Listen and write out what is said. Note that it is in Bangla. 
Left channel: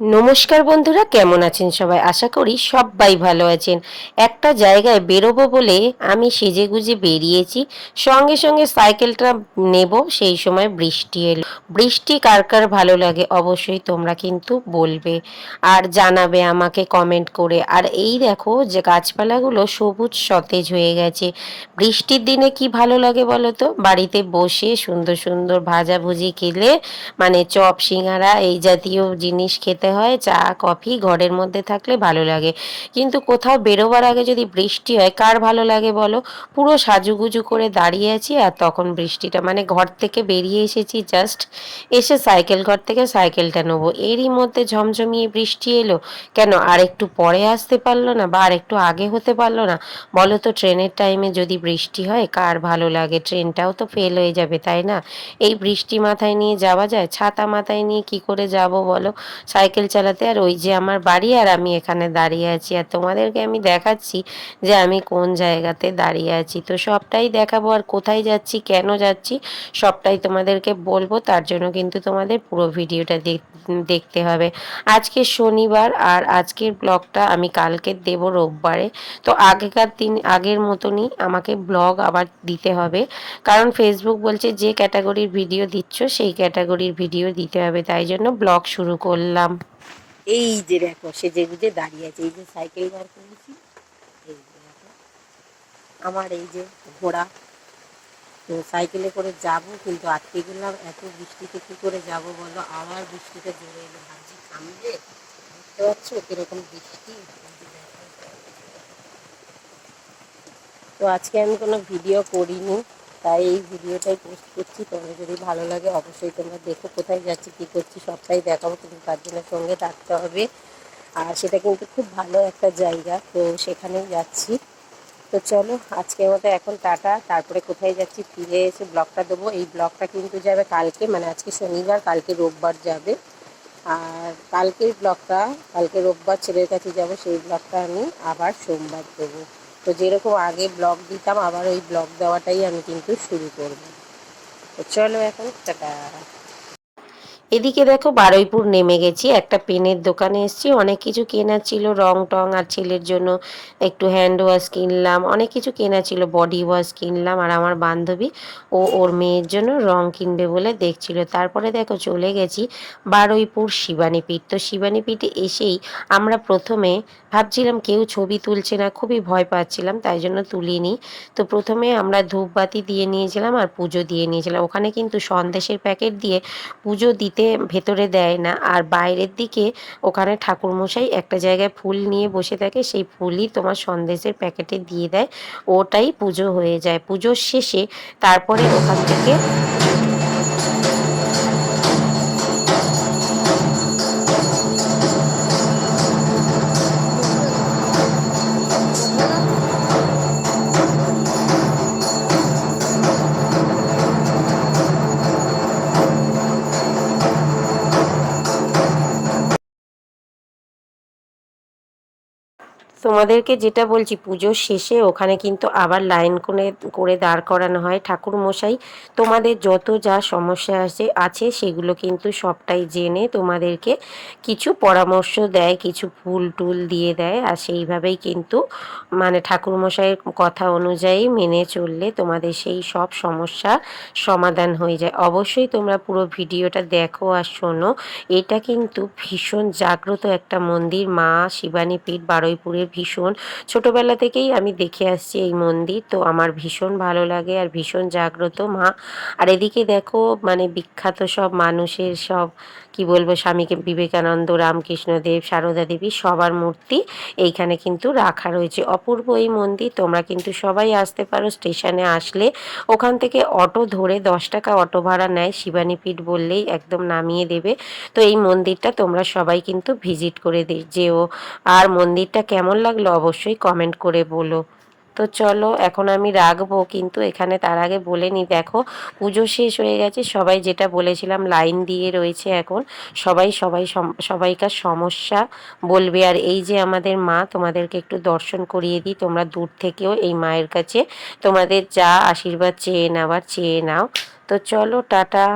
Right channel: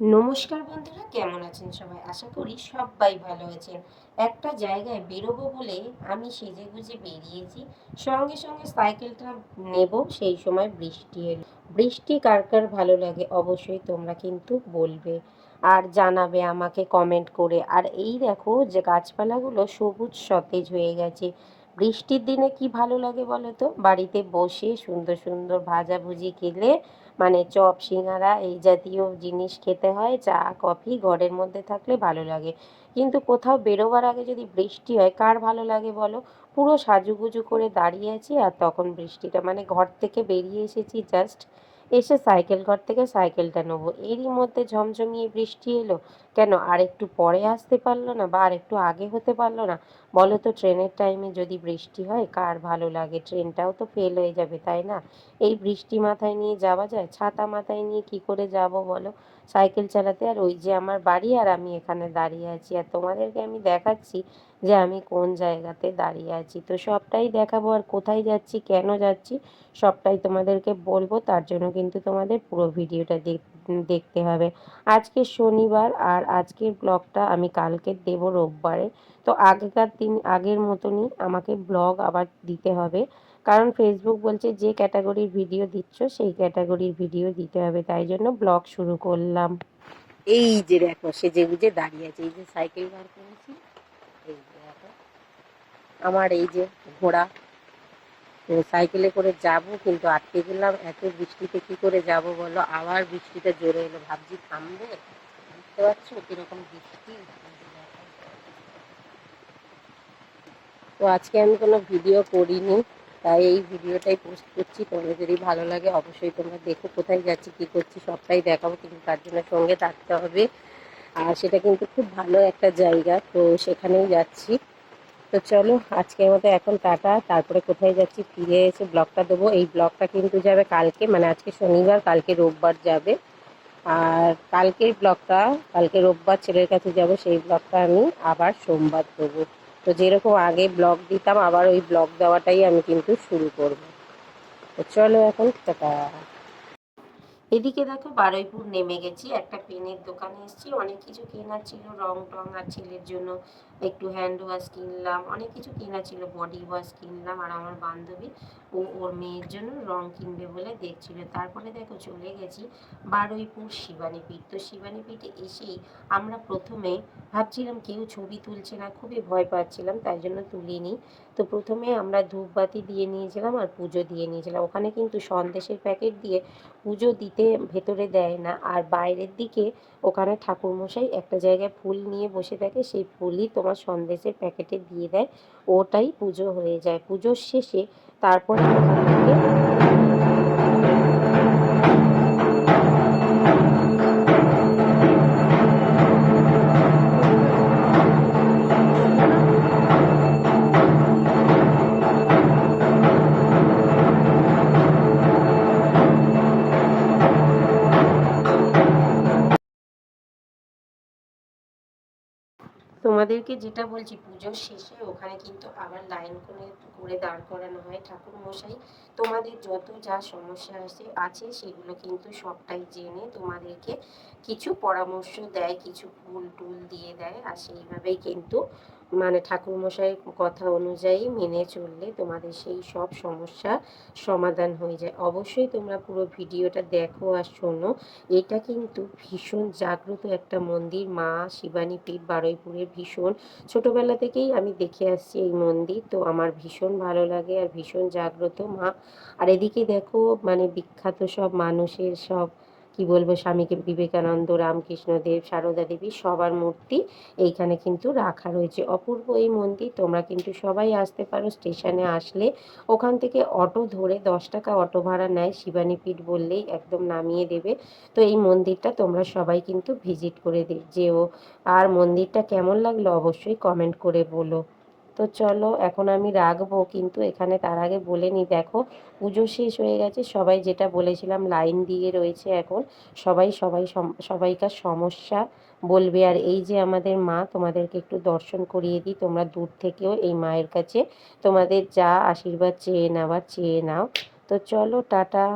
নমস্কার বন্ধুরা, কেমন আছেন সবাই? আশা করি সবাই ভালো আছেন। একটা জায়গায় বেরোবো বলে আমি সেজে গুজে বেরিয়েছি। সঙ্গে সঙ্গে সাইকেলটা নেব, সেই সময় বৃষ্টি এলো। বৃষ্টি কার কার ভালো লাগে অবশ্যই তোমরা কিন্তু বলবে আর জানাবে আমাকে কমেন্ট করে। আর এই দেখো যে গাছপালাগুলো সবুজ সতেজ হয়ে গেছে। বৃষ্টির দিনে কি ভালো লাগে বলো তো? বাড়িতে বসে সুন্দর সুন্দর ভাজাভুজি খেলে মানে চপ, সিঙ্গারা এই জাতীয় জিনিস খেতে হয়, চা, কফি ঘরের মধ্যে থাকলে ভালো লাগে। কিন্তু কোথাও বেরোবার আগে যদি বৃষ্টি হয়, কার ভালো লাগে বলো? পুরো সাজুগুজু করে দাঁড়িয়ে আছি আর তখন বৃষ্টিটা মানে ঘর থেকে বেরিয়ে এসেছি জাস্ট এসে সাইকেল ঘর থেকে সাইকেলটা নেব। এরই মধ্যে ঝমঝমিয়ে বৃষ্টি এলো। কেন? আর একটু পরে আসতে পারল না বা আর একটু আগে হতে পারল না? বলো তো ট্রেনের টাইমে যদি বৃষ্টি হয়, কার ভালো লাগে? ট্রেনটাও তো ফেল হয়ে যাবে, তাই না? এই বৃষ্টি মাথায় নিয়ে যাওয়া যায়? ছাতা মাথায় নিয়ে কি করে যাব বলো? সাইকেল চালাতে। আর ওই যে আমার বাড়ি আর আমি এখানে দাঁড়িয়ে আছি। আর তোমাদেরকে আমি দেখাচ্ছি যে আমি কোন জায়গাতে দাঁড়িয়ে আছি। তো সবটাই দেখাবো আর কোথায় যাচ্ছি, কেন যাচ্ছি, সবটাই তোমাদেরকে বলব। তার জন্য কিন্তু তোমাদের পুরো ভিডিওটা দেখতে হবে। আজকে শনিবার আর আজকের ব্লগটা আমি কালকে দেব রোববারে। তো আগেকার দিন, আগের মতনই আমাকে ব্লগ আবার দিতে হবে। কারণ ফেসবুক বলছে যে ক্যাটাগরির ভিডিও দিচ্ছ, সেই ক্যাটাগরির ভিডিও দিতে হবে। তাই জন্য ব্লগ শুরু করলাম। এই যে দেখো সে যে গুজে দাঁড়িয়ে আছে। এই যে সাইকেল বার করেছি, এই দেখো, আমার এই যে ঘোড়া সাইকেলে করে যাব, কিন্তু আটকে গেলাম এত বৃষ্টিতে কি করে যাব বলো? আবার বৃষ্টিটা জোরে এলো। ভাবছি থামবে? বুঝতে পারছ কীরকম বৃষ্টি? তো আজকে আমি কোনো ভিডিও করিনি, তাই এই ভিডিওটাই পোস্ট করছি। তোমরা যদি ভালো লাগে অবশ্যই তোমরা দেখো কোথায় যাচ্ছি, কী করছি, সবটাই দেখাবো, কিন্তু তার জন্য সঙ্গে থাকতে হবে। আর সেটা কিন্তু খুব ভালো একটা জায়গা, তো সেখানেই যাচ্ছি। তো চলো, আজকের মতো এখন টাটা। তারপরে কোথায় যাচ্ছি ফিরে এসে ব্লগটা দেবো। এই ব্লগটা কিন্তু যাবে কালকে মানে আজকে শনিবার, কালকে রোববার যাবে। আর কালকের ব্লগটা, কালকে রোববার ছেলের কাছে যাব, সেই ব্লগটা আমি আবার সোমবার দেবো। তো যেরকম আগে ব্লগ দিতাম, আবার ওই ব্লগ দেওয়াটাই আমি কিন্তু শুরু করব। তো চলো এখন, টাটা। এদিকে দেখো বারুইপুর নেমে গেছি, একটা পেনের দোকানে এসেছি। অনেক কিছু কেনার ছিল, রং টং আর ছেলের জন্য একটু হ্যান্ড ওয়াশ কিনলাম, অনেক কিছু কেনা ছিল বডি ওয়াশ কিনলাম আর আমার বান্ধবী ও ওর মেয়ের জন্য রং কিনবে বলে দেখছিল। তারপরে দেখো চলে গেছি বারুইপুর শিবানীপীঠ তো শিবানীপীঠে এসেই আমরা প্রথমে ভাবছিলাম কেউ ছবি তুলছে না, খুবই ভয় পাচ্ছিলাম, তাই জন্য তুলিনি। তো প্রথমে আমরা ধূপবাতি দিয়ে নিয়েছিলাম আর পুজো দিয়ে নিয়েছিলাম। ওখানে কিন্তু সন্দেশের প্যাকেট দিয়ে পুজো দিতে ভেতরে দেয় না। আর বাইরের দিকে ওখানে ঠাকুরমশাই একটা জায়গায় ফুল নিয়ে বসে থাকে, সেই ফুলই তোমার সন্দেশের প্যাকেটে দিয়ে দেয়। ওটাই পুজো হয়ে যায়। পুজোর শেষে তারপরে ওখান থেকে তোমাদেরকে যেটা বলছি, পুজোর শেষে ওখানে কিন্তু আবার লাইন করে করে দাঁড় করানো হয় ঠাকুর মশাই তোমাদের যত যা সমস্যা আছে আছে সেগুলো কিন্তু সবটাই জেনে তোমাদেরকে কিছু পরামর্শ দেয়, কিছু ফুল টুল দিয়ে দেয়। আর সেইভাবেই কিন্তু মানে ঠাকুর মশাইয়ের কথা অনুযায়ী মেনে চললে তোমাদের সেই সব সমস্যা সমাধান হয়ে যায়। অবশ্যই তোমরা পুরো ভিডিওটা দেখো আর শোনো। এটা কিন্তু ভীষণ জাগ্রত একটা মন্দির, মা শিবানী পীঠ, বারুইপুরের ভীষণ। ছোটোবেলা থেকেই আমি দেখে আসছি এই মন্দির, তো আমার ভীষণ ভালো লাগে আর ভীষণ জাগ্রত মা। আর এদিকে দেখো মানে বিখ্যাত সব মানুষের সব, কি বলব, স্বামীকে বিবেকানন্দ, রামকৃষ্ণদেব, সারদা দেবী, সবার মূর্তি এইখানে কিন্তু রাখা রয়েছে। অপূর্ব এই মন্দির, তোমরা কিন্তু সবাই আসতে পারো স্টেশনে আসলে। ওখান থেকে অটো ধরে দশ টাকা অটো ভাড়া নেয় শিবানীপীঠ বললেই একদম নামিয়ে দেবে। তো এই মন্দিরটা তোমরা সবাই কিন্তু ভিজিট করে যেও। আর মন্দিরটা কেমন লাগল অবশ্যই কমেন্ট করে বলো। তো চলো, এখন আমি রাখব, কিন্তু এখানে তার আগে বলে নি, দেখো, পুজো শেষ হয়ে গেছে, সবাই যেটা বলেছিলাম, লাইন দিয়ে রয়েছে এখন, সবাই সবাই সবাইকার সমস্যা বলবে। আর এই যে আমাদের মা, তোমাদেরকে একটু দর্শন করিয়ে দিই, তোমরা দূর থেকেও এই মায়ের কাছে তোমাদের যা আশীর্বাদ চেয়ে নেওয়ার, চেয়ে নাও। তো চলো, টাটা।